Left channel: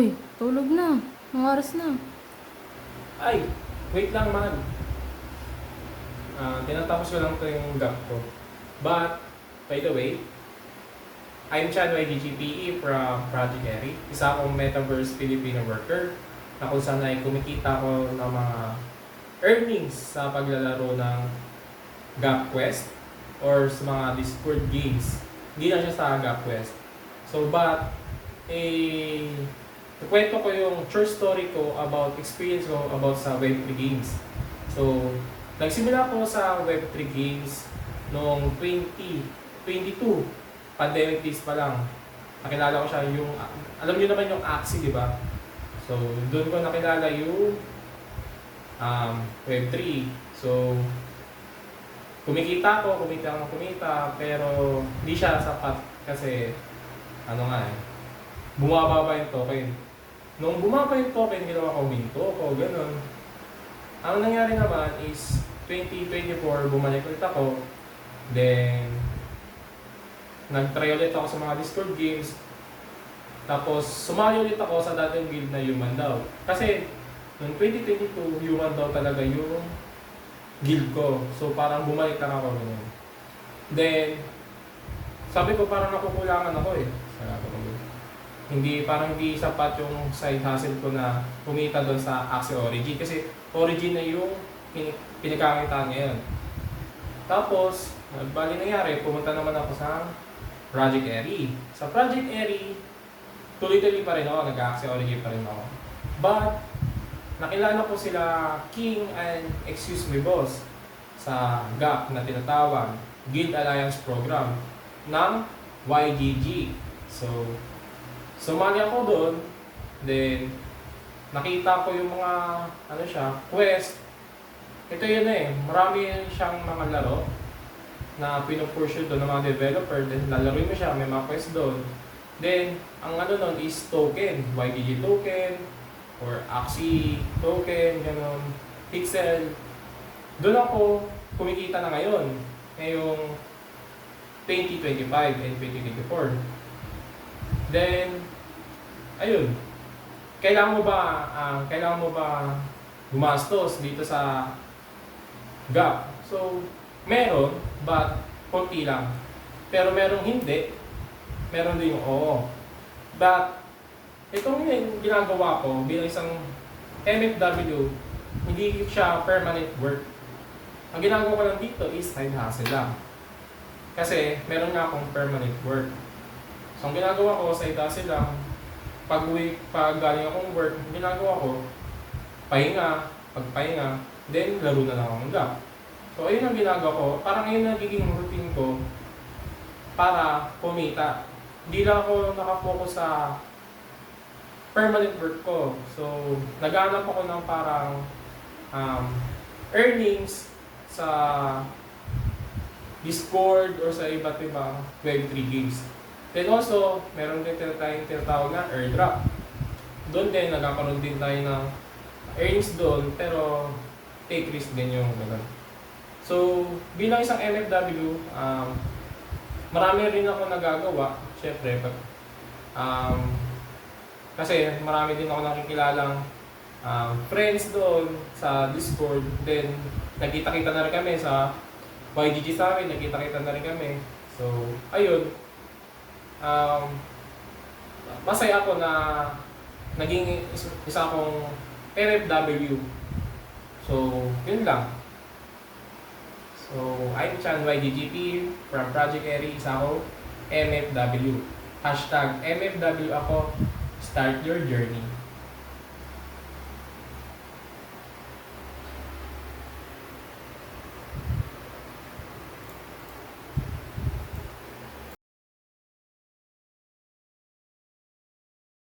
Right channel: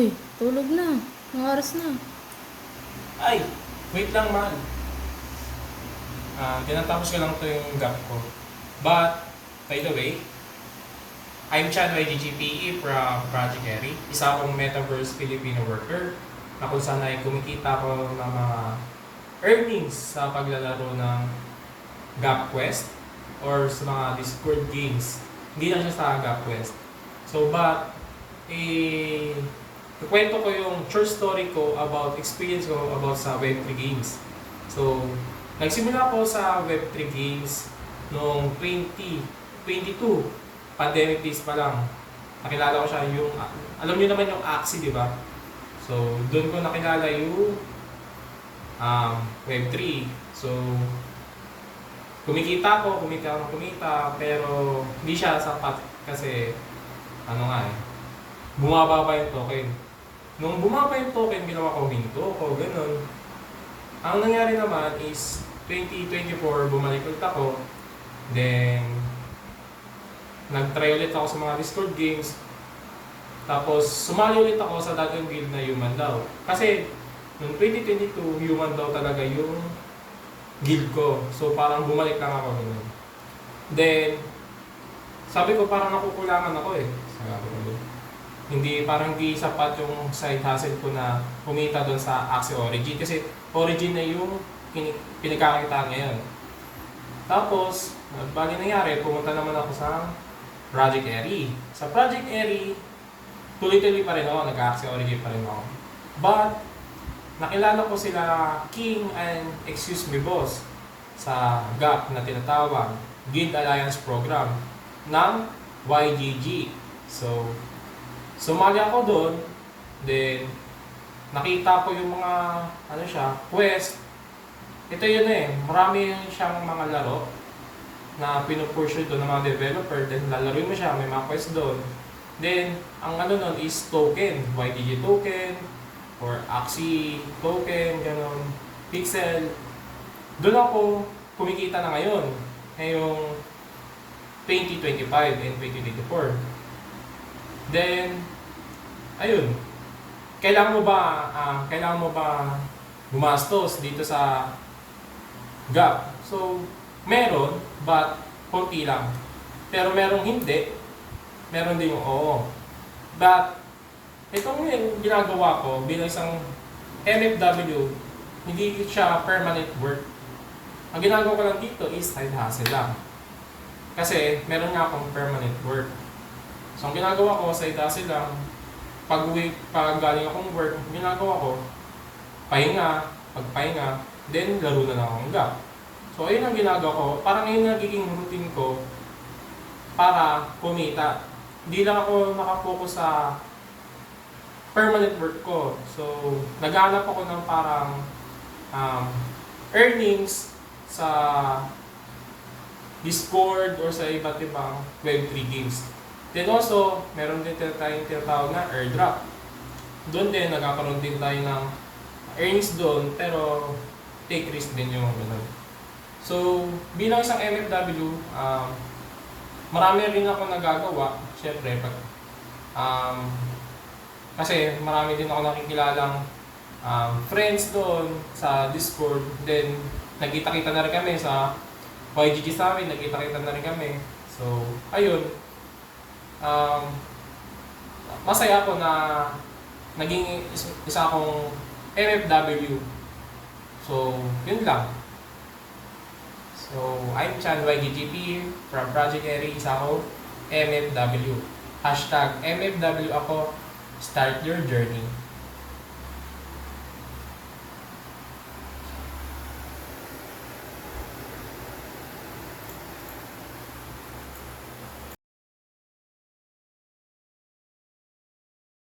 Uy, tulog na. Ang oras na. Ay, wait lang man. Tinatapos ko lang to yung gap ko. But, by the way, I'm Chad YGGPE from Project Eri. Isa akong Metaverse Filipino worker na kung saan ay kumikita ko ng mga earnings sa paglalaro ng Gap Quest or sa mga Discord games. Hindi na siya sa Gap Quest. So, but, kukwento ko yung true story ko about experience ko about sa Web3 games. So, nagsimula ako sa Web3 games noong 2022. Pandemic days pa lang. Nakilala ko siya yung, alam niyo naman yung Axie, di ba? So, doon ko nakilala yung Web3. So, kumita ako ng kumita, pero hindi siya sapat kasi, bumaba pa yung token. Nung bumaba yung token, ginawa ko minto ko, ganun. Ang nangyari naman is, 2024, bumalik ulit ako. Then, nag-try ulit ako sa mga Discord games. Tapos, sumali ulit ako sa dating guild na Human daw. Kasi, noong 2022, Human daw talaga yung guild ko. So, parang bumalik lang ako. Ganun. Then, sabi ko parang nakukulangan ako eh. Sabi ko parang hindi sapat yung side hustle ko na kumita doon sa Axie Origin. Kasi Origin na yung pinagkakakitaan ngayon. Tapos, bali nangyari, pumunta naman ako sa Project Eri. Sa Project Eri, tuloy-tuloy pa rin ako, nag-Axie Origin pa rin ako. But, nakilala ko sila King and Excuse Me Boss sa GAP na tinatawag Guild Alliance Program ng YGG. So, sumali ako doon, then nakita ko yung mga quest. Ito yun marami siyang mga laro na pinupursue doon ng mga developer, then lalaroin mo siya, may mga quest doon. Then, ang nun is token, YGG token, or Axie token, ganon, Pixel. Doon ako kumikita na ngayon, ngayong 2025 and 2024. Then, ayun, kailangan mo ba gumastos dito sa GAP? So, meron, but konti lang. Pero merong hindi, meron din yung oo. But, itong ginagawa ko bilang isang MFW, hindi siya permanent work. Ang ginagawa ko lang dito is side hustle lang. Kasi meron nga akong permanent work. So, ang ginagawa ko sa itase lang, pag galing akong work, ang ginagawa ko, pagpahinga, then laro na akong gap. So, ayun ang ginagawa ko. Parang ayun ang nagiging routine ko para kumita. Hindi lang ako nakapokus sa permanent work ko. So, naghanap ako ng parang earnings sa Discord or sa iba't ibang Web3 games. Then also, meron din tayong tinatawag na airdrop. Doon din, nagkakaroon din tayo ng earnings doon, pero take risk din yung ganun. So, bilang isang MFW, marami rin ako nagagawa. Siyempre, kasi marami din ako nakikilalang friends doon sa Discord. Then, nagkita-kita na rin kami sa YGG sa amin, nagkita-kita na rin kami. So, ayun. Masaya ako na naging isa akong MFW. So, yun lang. So, I'm Chan YGGP from Project Eri, isa akong MFW. #MFW ako, start your journey.